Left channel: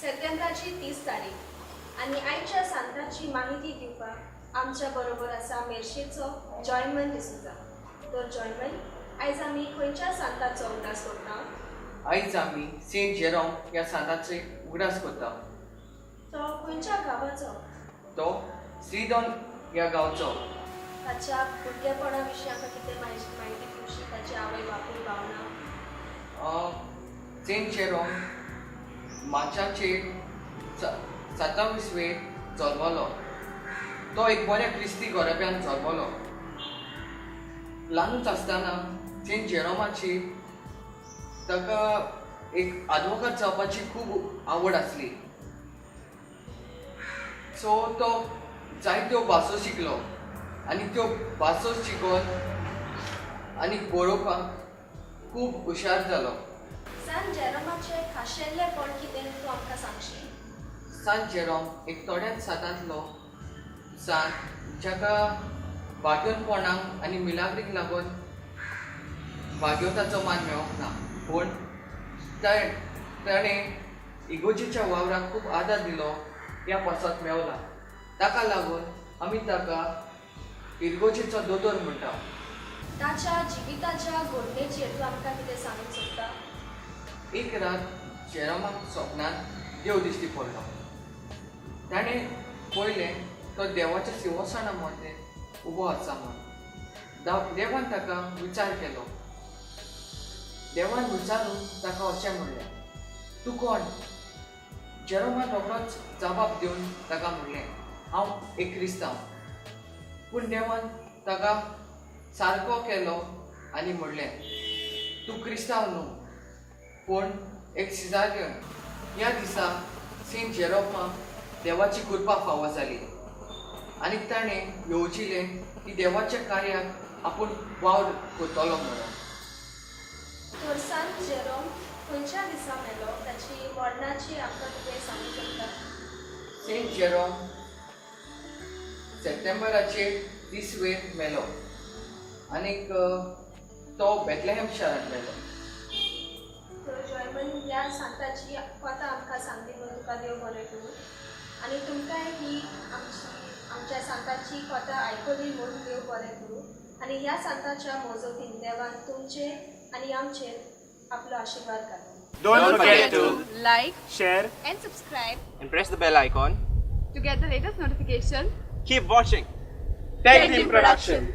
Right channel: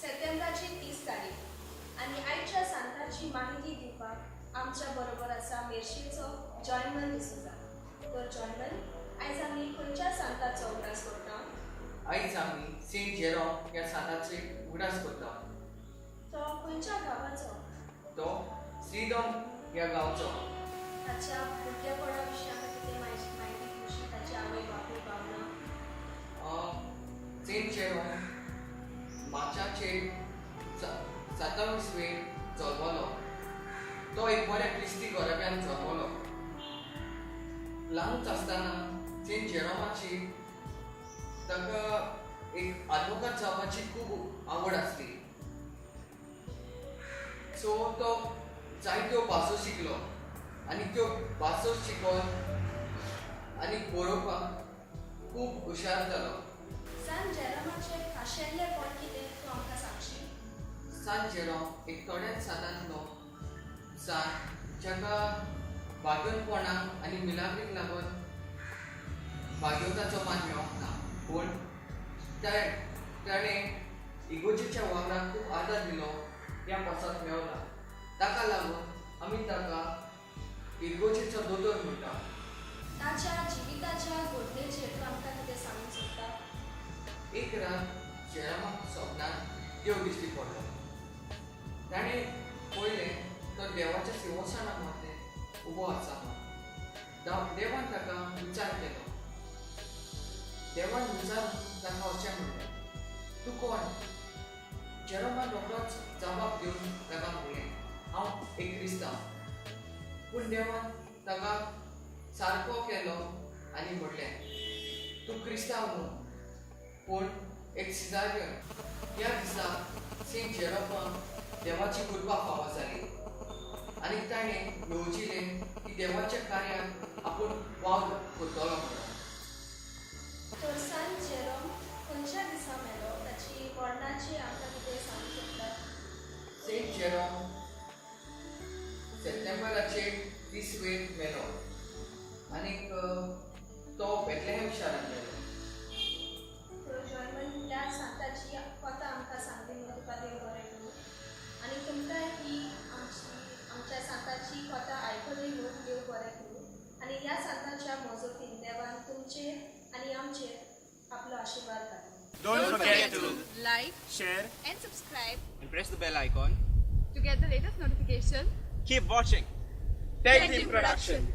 सप्टेंबराची 30 तारीख आणि आयच्या सांताची माहिती दिवपाक आमच्या बरोबर आसा मेर्शेचो जॉयमन डिसूजा. तर जॉयमन, आयज आमी खंयच्या सांताचो उगडास करता? आयज आमी सेंट जेरोम ह्या सांताचे उगडास करता. तो खंयच्या गांवाचो? तो श्रीदोन ह्या गांवचो. ताच्या भुरगेपणा विशीं आमकां कितें माहिती दिवशी? ताची आवय बापूय भावना? Saint Jerome मार्चाचे 27 जल्मलो. तो एक बऱ्या क्रिस्ती गोरब्यान जल्मलो. ल्हानूच आसतना सेंट जेरोमाची ताका एक आदवोगाद जावपाची खूब आवड आसली. सो तो जायत्यो भासो शिकलो आनी त्यो भासो शिकोवन आनी बरोवपाक खूब हुशार जालो. सान जेरोमाचे खाशेल्लेपण कितें तूं आमकां सांगशी? सान जेरोम एक थोड्याच सांतांतलो सान जाका भाग्योनपणाक आनी मिलाग्रीक लागून भाग्योताचो मान मेळोंक ना, पूण ताणें इगोजेच्या वावराक खूब आदार दिलो ह्या पासत मेवला. ताका लागून आमी ताका इगोजेचो दोतोर म्हणटा. ताच्या जिविताच्या घडणेचेर तूं आमकां कितें सांगूंक सोदता? एक रात जेरोमाक सपनान देव दिश्टी पडलो. ताणें पळयलें तो देवाच्या सिंहासना मदें उबो आसा म्हूण. देवान ताका विचार केलो. देवान विचारून ताका अशें म्हणलें, तूं कोण? जेरोमान रोखडोच जबाब दिवन ताका म्हणलें, हांव एक क्रिस्तांव. पूण देवान ताका सारको केलो आनी म्हणलें, तूं क्रिस्तांव न्हू, पूण एक सिजारियन. ह्या दिसा सेंट जेरोमाक देवाची कृपा फावो जाली आनी ताणें येवजिलें की देवाच्या कार्याक आपूण वावर करतलो म्हणून. तर सान जेरोम खंयच्या दिसा मेलो? ताची मरणाची आमकां कितें सांगूंक शकता? सेंट जेरोम सप्टेंबराचे 30 मेलो आनीक तो बेथलेहेम शारांत मेलो. तर जॉयमन, ह्या सांताची कथा आमकां सांगली म्हणून तुका देव बरें करूं. आनी तुमकांय ही आमच्या सांताची कथा आयकली म्हणून देव बरें करूं. आनी ह्या सांताच्या मोजोतीन देवान तुमचेर आनी आमचेर आपलो आशिर्वाद घालो. Don't forget to like share and subscribe and press the bell icon. to get the latest notification. Keep watching. Tech Team Production.